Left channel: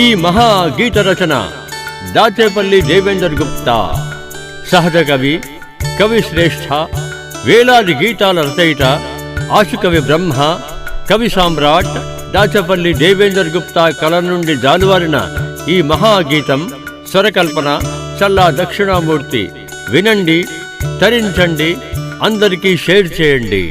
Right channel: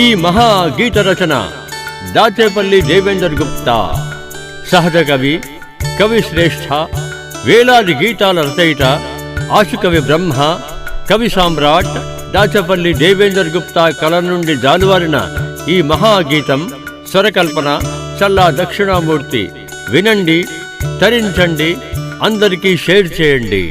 ఈ మహా గీత రచన దాచేపల్లి దేవేందర్ గుప్తా, సహజ కవి, కవి శ్రేష్ఠ, వేలాది గీతాల రచయిత, ఆశుకవి బ్రహ్మ, కవి సామ్రాట్ దాచేపల్లి దేవేందర్ గుప్తా కళ నుండి జాలువారిన ఈ మహాగీతం స్వరకల్పన చల్లా దక్షిణామూర్తి. వినండి, తరించండి, అందరికీ షేర్ చేయండి.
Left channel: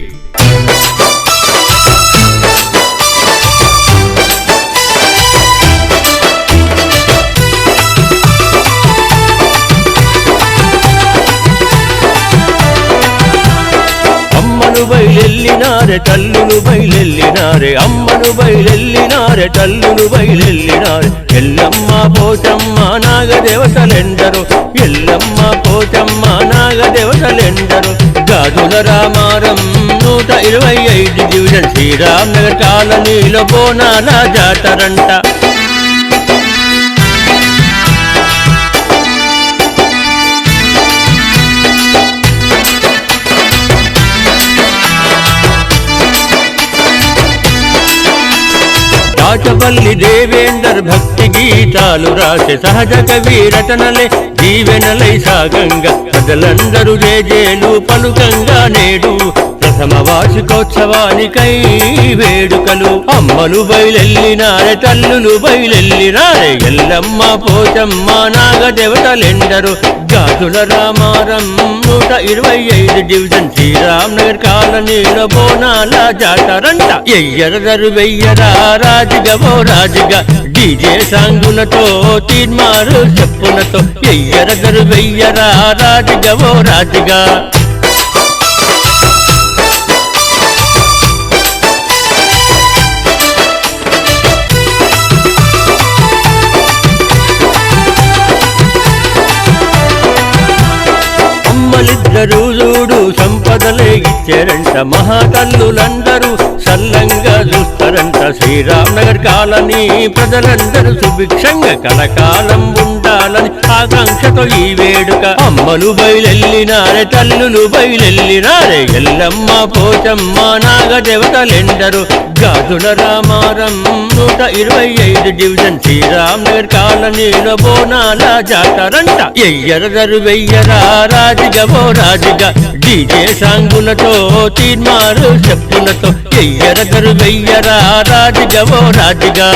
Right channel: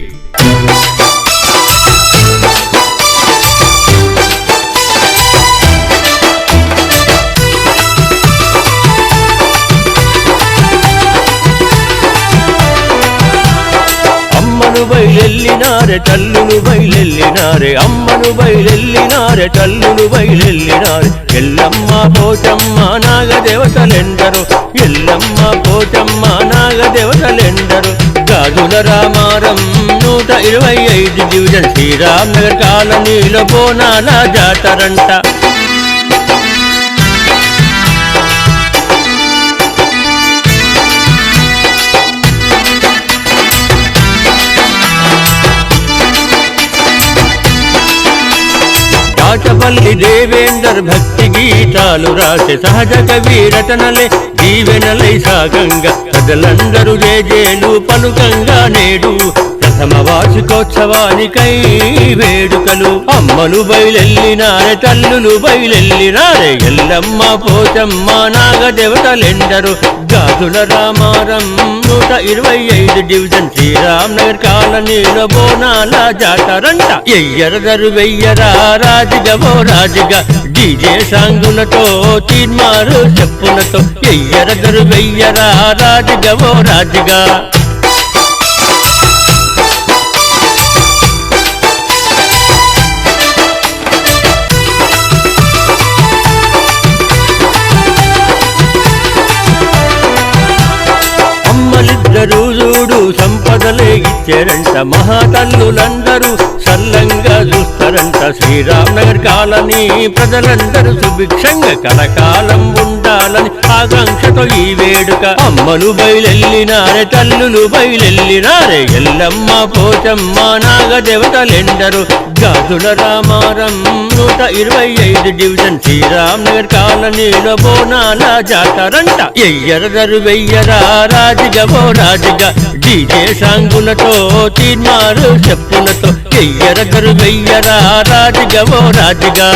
అమ్మను బయలెల్లినారే తల్లులు బయలెల్లినారే, అమ్మను బయలెల్లినారే తల్లులు బయలెల్లినారే. ఎల్లమ్మ పోచమ్మ నాగదేవతలెందరు, ఎల్లమ్మ పోచమ్మ నాగదేవతలెందరు. గాజుల రామారం 125 డివిజన్ శ్రీరామ్ నగర్ కాలనీలో బోనాల జాతరంట. దాచేపల్లి దేవేందర్ భక్తి గీతాలు రాసే సహజ కవి రచనలే దీవెనలై సాగంగా ప్రజలందరూ జేజేలు పలుకంగా నేడు ప్రథమ వార్షికోత్సవానికై వేడుకలు. అమ్మలు బయలెల్లినారే తల్లులు బయలెల్లినారే, ఎల్లమ్మ పోచమ్మ నాగదేవతలెందరు. గాజుల రామారం 125 డివిజన్ శ్రీరామ్ నగర్ కాలనీలో బోనాల జాతరంట. ఎయ్యరదరు వెయ్యరా రాజుగవో రాజుగా, డీజే సాంగులతో తీర్మారు చెప్పులతో. ఎయ్యరదరు వెయ్యరా రాజుగవో రాజుగా. అమ్మలిద్దరూ చూడు సంపదలే ఇచ్చారంట, మహాతల్లులందరూ సల్లంగా చూస్తారంట. శ్రీరామ్ నగర్ కాలనీ ప్రజలందరూ సుభిక్షంగా కలకాలం ఉండాలని ఆకాంక్షతో ఈ వేడుక. అమ్మలు బయలెల్లినారే తల్లులు బయలెల్లినారే, ఎల్లమ్మ పోచమ్మ నాగదేవతలెందరు. గాజుల రామారం 125 డివిజన్ శ్రీరామ్ నగర్ కాలనీలో బోనాల జాతరంట. ఎయ్యరదరు వెయ్యరా రాజుగవో రాజుగా, డీజే సాంగులతో తీర్మారు చెప్పులతో. ఎయ్యరదరు వెయ్యరా రాజుగవో రాజుగా.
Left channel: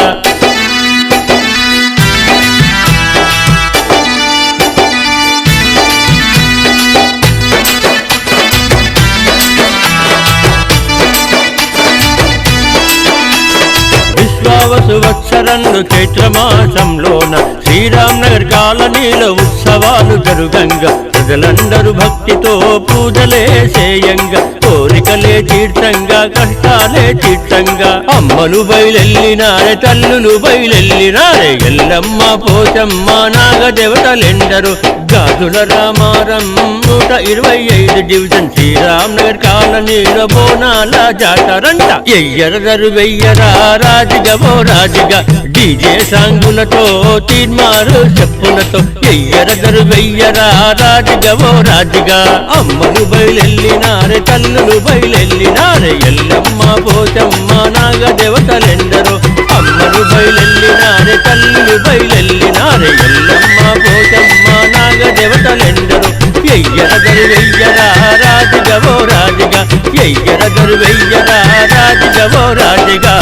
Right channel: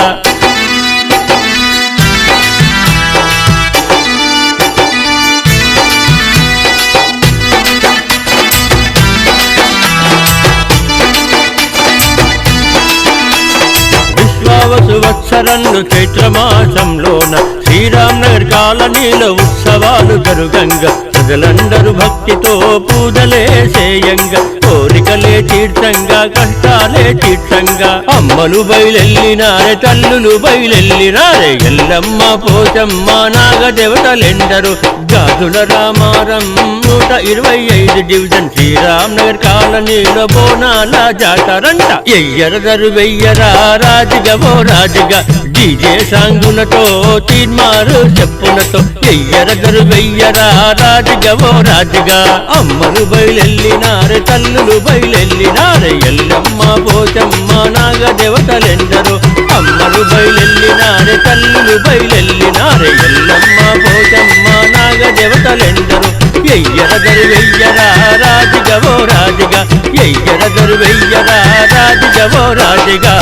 విశ్వావసు వత్సరంలో చైత్రమాసంలోన శ్రీరామ్ నగర్ కాలనీలో ఉత్సవాలు జరుగంగా ప్రజలందరూ భక్తితో పూజలే చేయంగా కోరికలే తీర్థంగా కష్టాలే తీర్థంగా. అమ్మలు బయలెల్లినారే తల్లులు బయలెల్లినారే, ఎల్లమ్మ పోచమ్మ నాగదేవతలెందరు. గాజుల రామారం 125 డివిజన్ శ్రీరామ్ నగర్ కాలనీలో బోనాల జాతరంట. ఎయ్యరదరు వెయ్యరా రాజుగవో రాజుగా, డీజే సాంగులతో తీర్మారు చెప్పులతో. ఎయ్యరదరు వెయ్యరా రాజుగవో రాజుగా. అమ్మలు బయలెల్లినారే తల్లులు బయలెల్లినారే, ఎల్లమ్మ పోచమ్మ నాగదేవతలెందరు. అమ్మలు బయలెల్లినారే తల్లులు బయలెల్లినారే, ఎల్లమ్మ పోచమ్మ నాగదేవతలెందరు. ఎయ్యరదరు వెయ్యరా రాజుగవో రాజుగా, ఎయ్యరదరు వెయ్యరా రాజుగవో రాజుగా.